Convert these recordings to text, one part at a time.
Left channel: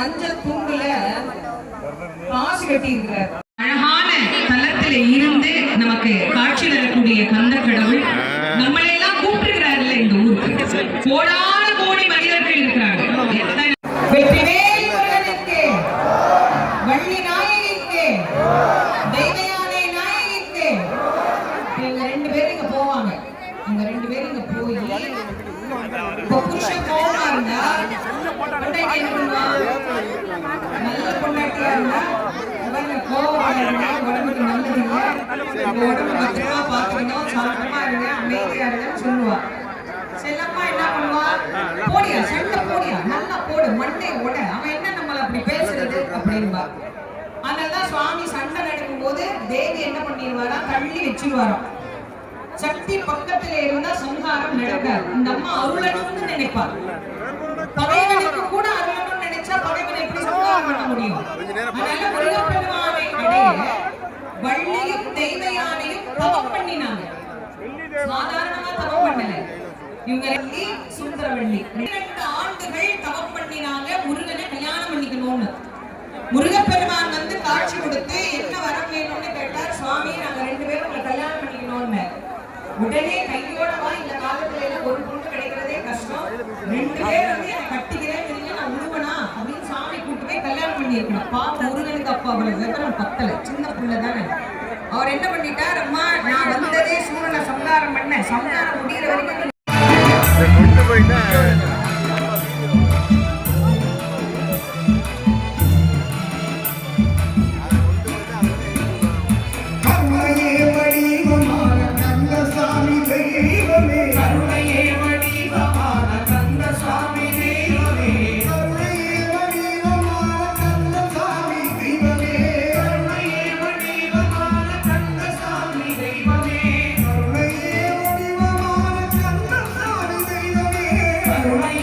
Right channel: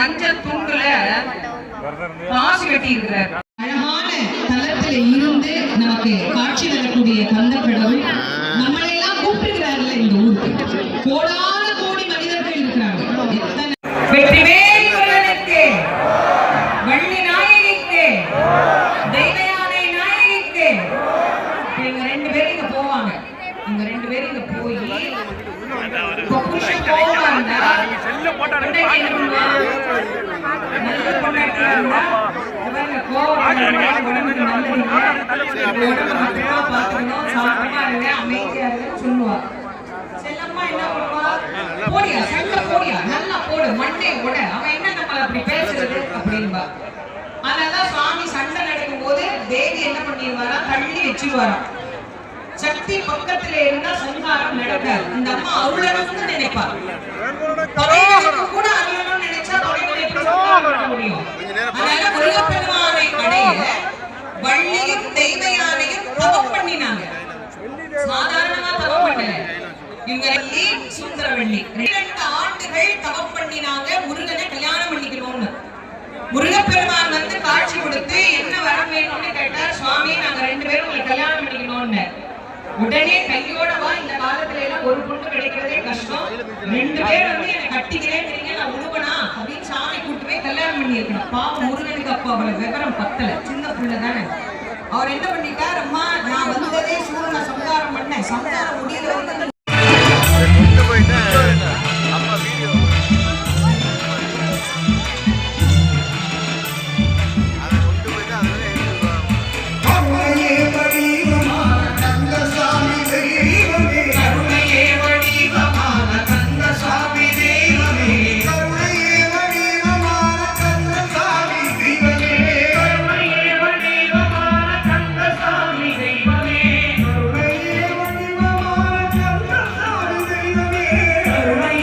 மஞ்சள் துண்டுல பாசி கட்டி இருக்கிறார். அழகான தலத்தில இருந்து நமக்கு காட்சி தரக்கூடிய கந்த கடவுள் நம்மளை எல்லாம் கூப்பிடுகிறார்கள். இந்த ஊருக்கு கோடான கோடி மனிதர்கள் இருக்கிறார்கள். வெற்றிவேல் முருகனுக்கு, வள்ளி நாயகிக்கு, தெய்வயானை நாயகிக்கு. இவங்க ரெண்டு பேரும் இங்க போவாங்க. இவங்க ரெண்டு பேரும் இங்க போய் புருஷன் கோவமா இருந்தா சொல்லுவார். செல்லம்மா என்ன பண்ணுவா, போடியா செல்ல போடியா நல்லா போடு மண்ணை கூட அவன் என்ன நம்மள அப்படி பேசுறது அப்படின்பா. அதனாலதான் சுவாமி சண்டை நடக்கும் போது தேவி என்ன பண்ணிடுவாரா, தள்ளி வச்சிருவாராம். சக்தி பக்கத்துல இருந்தா சங்காரம் நடக்காது. இந்த அம்மா அருளணும்னு நினைப்பா. பகைவனுக்கு கூட அருளணும்னு நினைச்சா பகைவனை எப்படி சங்காரம் பண்ண முடியும்? அதனால முருகப்பெருமானை அடைய வள்ளியும் தெய்வயானையும் தவம் பண்ணினாங்க. சாதாரணமா தவம் பண்ணல. இவங்க வள்ளி சுந்தரவள்ளி 2 ஆண்டுகள் தவம் பண்ணினாங்க முருகனை கல்யாணம் பண்ணிக்கணும்னு. முருகப்பெருமான் வந்து காட்சி கொடுத்து என்ன வரம் வேணும்னு கேட்டார். சுவாமி நாங்க 2 பேரும் உங்களை கல்யாணம் பண்ணிக்கணும்னு. உடனே கையோட வா, இந்த காலத்துல எல்லாம் ஒரு பொண்ணு கிடைக்கிறதே கஷ்டம், 2 பேர் வந்து என்ன கட்டிக்கிறேன் நான் உருவனா அப்படின்னு சாமி கூட்டு போய் கல்யாணம் பண்ணி இருக்கணும். பாப்பா முருகனுக்கு அப்பா அவ்வளவு விவரம் பத்தல, சின்ன பிள்ளை தானே. அவர் என்ன பண்ணிட்டார், அம்மா நான் வந்ததே சூரனை சம்ஹாரம் பண்ண, சம்ஹாரம் முடிகிற வரைக்கும் கருணை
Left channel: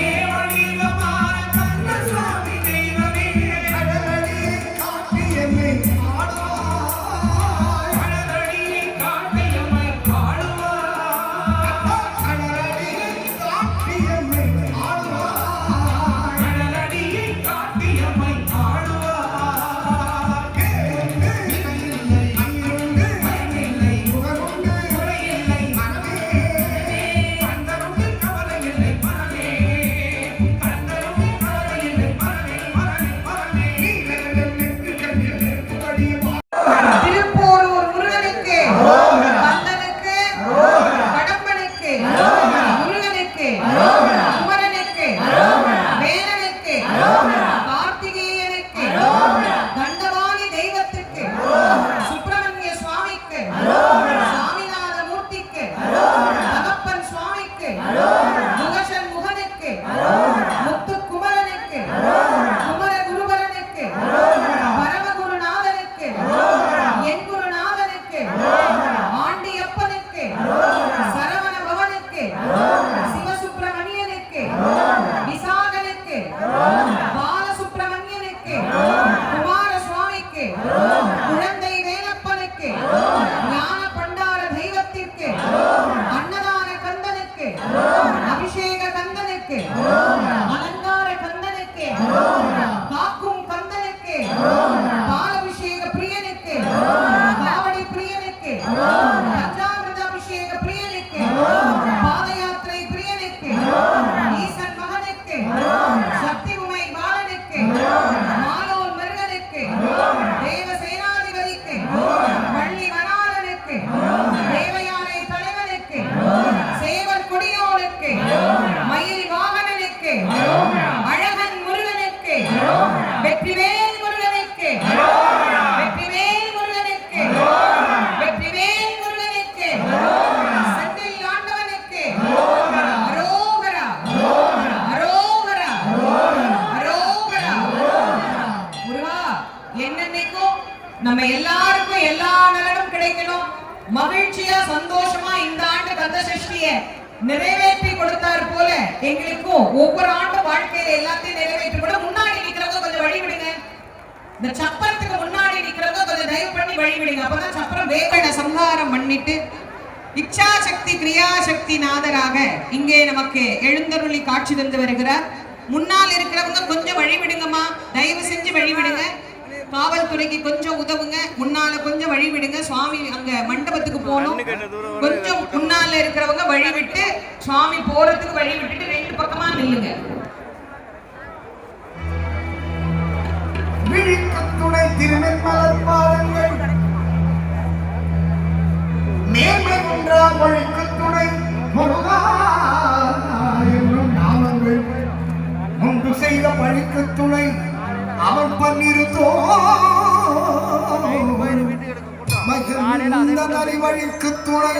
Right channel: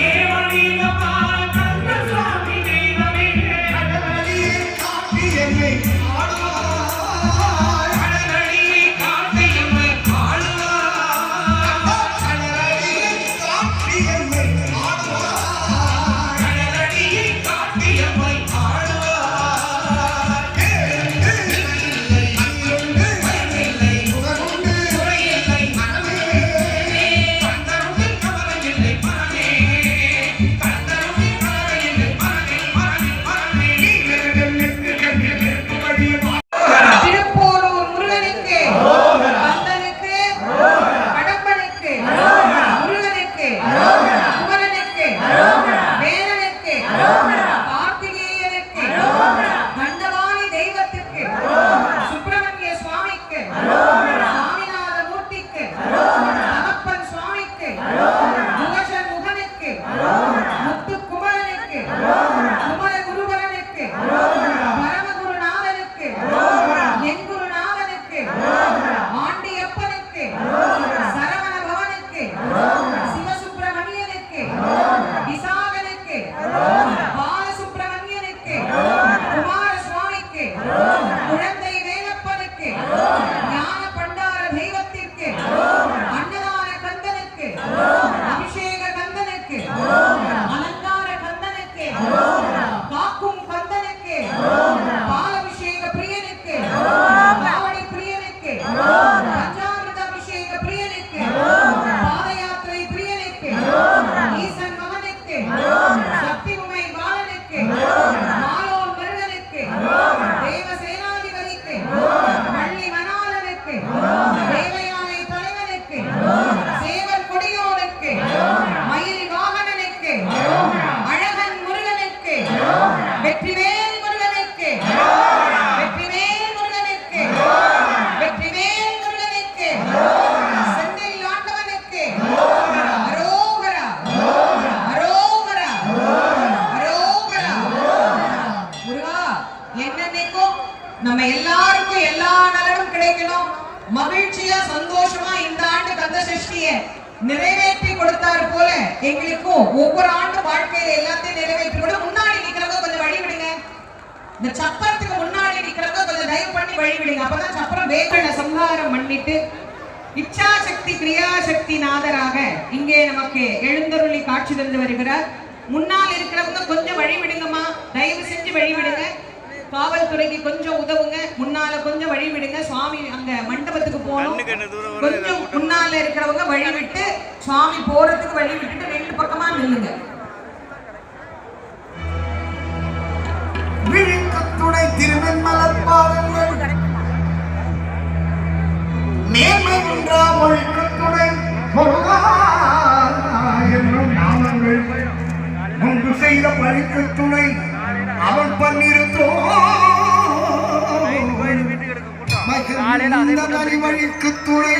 நிறைவேற்றி கொடுத்தார் போல எங்களுக்கும் ஒவ்வொரு ஆண்டு வாழ்க்கையில எல்லாத்தையும் நிறைவேற்றி கூட முன்னாடி நிக்கிறவங்க கொஞ்சம் வழி விடுங்க. இந்த சப்பரத்துக்கு முன்னாடி நிக்கிறவங்க கொஞ்சம் தயவு பண்ணி வழி விடுங்க. அப்பதான் சப்பரம் வேகன சம்ஹாரம் பண்ணிட்டு இச்சா சக்தி கிரியா சக்தி நாதராக இங்கே நமக்கு எழுந்தருளி காட்சி தந்து வருகிறார். முன்னால் இருக்கிறவங்க கொஞ்சம் வழி விடுங்கம்மா, தயவு செஞ்சு வழி விடுங்க. காவல்துறைக்கு கொஞ்சம் உதவுங்க, முன்னால கொஞ்சம் வழி விடுங்க. சுவாமி அங்க மண்டபத்துக்கு போகணும். கொஞ்சம் முன்னால இருக்கிறவங்க வழி விட்டு சுவாமி போறதுக்கு வழி விட்டுட்டு ரெண்டு பக்கமா நில்லுங்க. விழிக்கத்துணை திருவெண்மலர் பாதங்கள் மேன்மை குன்றா ஒழுக்கத்துணை முருகா என்னும் நாமங்கள் முன்பு செய்த பழிக்கத்துணை அவன் பன்னிருத்தோ மகிழ்ந்த வழிக்கு துணை